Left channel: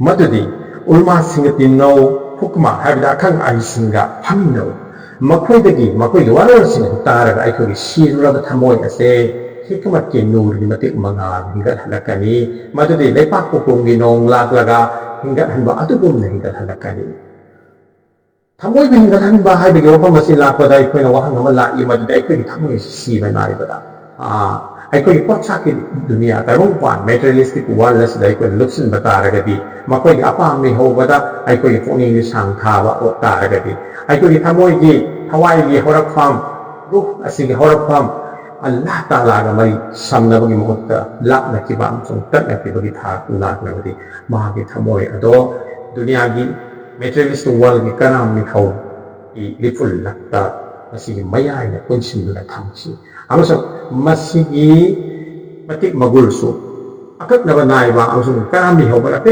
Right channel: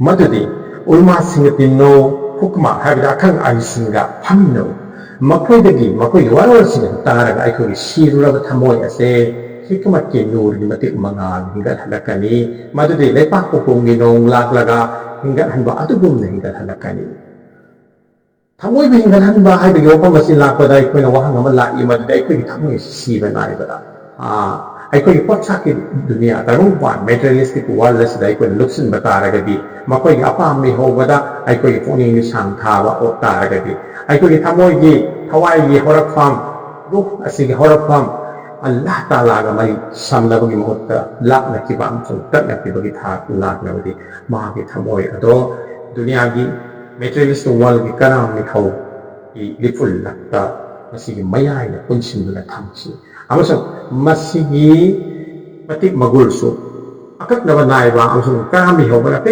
Madudi, Ulma singa tinnou, Huqma, habida akang aisinga, Hamino, Makoidagi, Makoiwara singa Taraga, Ikogi, Shirura Tamoy, Ase, Hikmati Nur, Matik Mangal, Hingat Halakani, Madudi, Lepakukum, Ginong, Laglaga, Hingat Hanba, Atugum, Hingat Halakani. Tamoy Hingat Hanba, I begin open Masila, but I put a Wahamala, Imadu, I could Tamoy, Siva Naibada. Aikoy potsaki dunia tarungpan materialistic worldless da aikoy luksin bataragadi makoy apam mi hobada aikoy puning ni sang thaba o taragadi aikoy thamoy gi thawai gi horakpham ruh asigi horakpham Allah taala ga mari samnabagi mahutta lakna ki bam chung tatna ki bagi thak lakna badi magi thamoy ado dunia gi materialistic world gi kanam mi thau i lipul lakta masigi mayai na punsin na thamchi amasung masigi matik magulso akak na banay ba amasung karami ho ba